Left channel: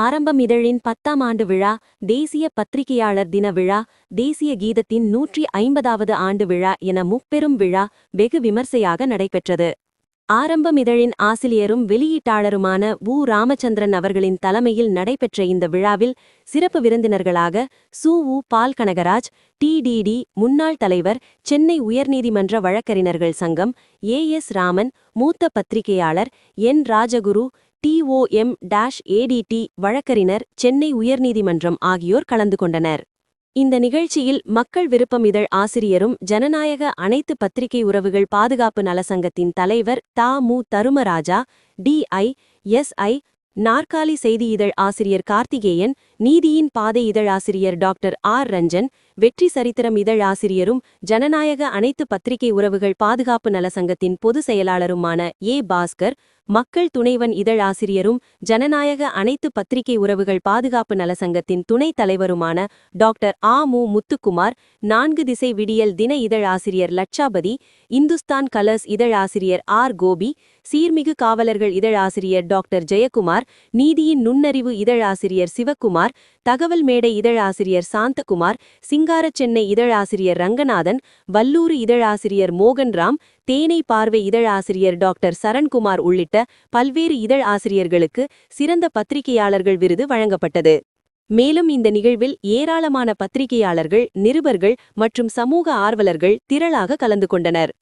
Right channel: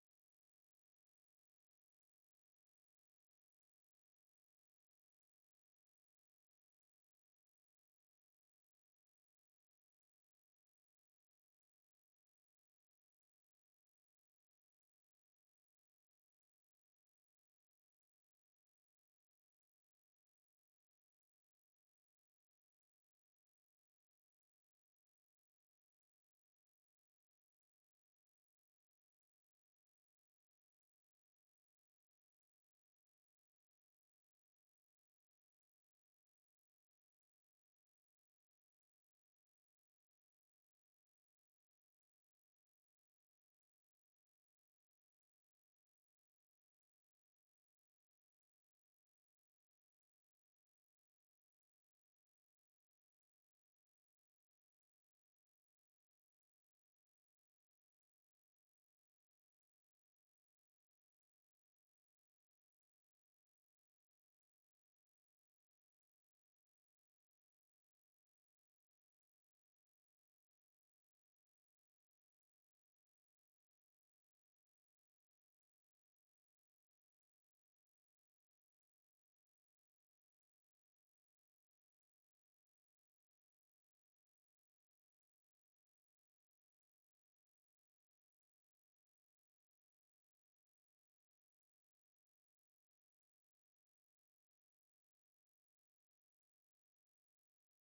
ஆரம்பம் இதழின் 10ஆம் ஆண்டு விழா, தேசிய பத்திரிகையாளர் தின விழா, தேசிய கீதத்தின் 150வது ஆண்டு விழா என முப்பெரும் விழா வெகு விமர்சையாக நடைபெற்றது. ஆரம்பம் இதழின் ஆசிரியரும் வெளியீட்டாளருமான ராமச்சந்திரன் அவர்களின் தலைமையில் நடைபெற்ற இந்த விழாவில் சிறப்பு விருந்தினர்களாக பால் கனகராஜ், டிடிடி முன்னாள் தலைவர், சென்னை உயர்நீதிமன்ற வழக்கறிஞர்கள் சங்கம், ராமன், மூத்த பத்திரிகையாளர் ராஜகுரு, TOM-ADT வழக்கறிஞர், சென்னை உயர்நீதிமன்றம் ஆகியோர் கலந்து கொண்டனர். இந்த நிகழ்ச்சியில் மக்கள் விருப்பம் இதழ் ஆசிரியரும் ஜனநாயக அனைத்து பத்திரிகை உறவுகள் பாதுகாப்பு நலசங்கத்தின் தலைவர் தருமராஜா, DI-SI, நாற்காலி செய்தி இதழ் ஆசிரியர் கார்த்திகேயன், நீதியின் பாதை இதழ் ஆசிரியர் டாக்டர் ரஞ்சன், வெற்றி சரித்திரம் இதழ் ஆசிரியரும் ஜனநாயக அனைத்து பத்திரிகை உறவுகள் பாதுகாப்பு நலசங்கத்தின் பொதுச் செயலாளருமான பாஸ்கர், மக்கள் துணைவன் இதழ் ஆசிரியரும் ஜனநாயக அனைத்து பத்திரிகை உறவுகள் பாதுகாப்பு நலசங்கத்தின் துணைத் தலைவருமான டாக்டர் முத்துக்குமார், 4 திசை விடியல் தின இதழ் ஆசிரியர் லட்சாபதி, இந்துஸ்தான் கலர்ஸ் இதழ் ஆசிரியர் கோபி, சீர்மிகு காவலர்கள் இதழ் ஆசிரியர் டாக்டர் ஜெயக்குமார், நீதியின் நுண்ணறிவு இதழ் ஆசிரியர் சிவக்குமார், தகவல் மேடை இதழ் ஆசிரியர் சாந்தகுமார், சிங்கார சென்னை இதழ் ஆசிரியர் ரங்கநாதன், வல்லூறு இதழ் ஆசிரியர் மோகன்ராம், தேனை பார்வை இதழ் ஆசிரியர் டாக்டர் சரண்குமார் உள்ளிட்ட பல்வேறு இதழ் ஆசிரியர்களுக்கு சிறந்த பத்திரிகையாளர்கள் விருது வழங்கப்பட்டது. மேலும் இந்த நிகழ்வில் ஏராளமான பத்திரிகையாளர்கள், நிருபர்கள் மற்றும் சமூக ஆர்வலர்கள் திரளாக கலந்து கொண்டனர்.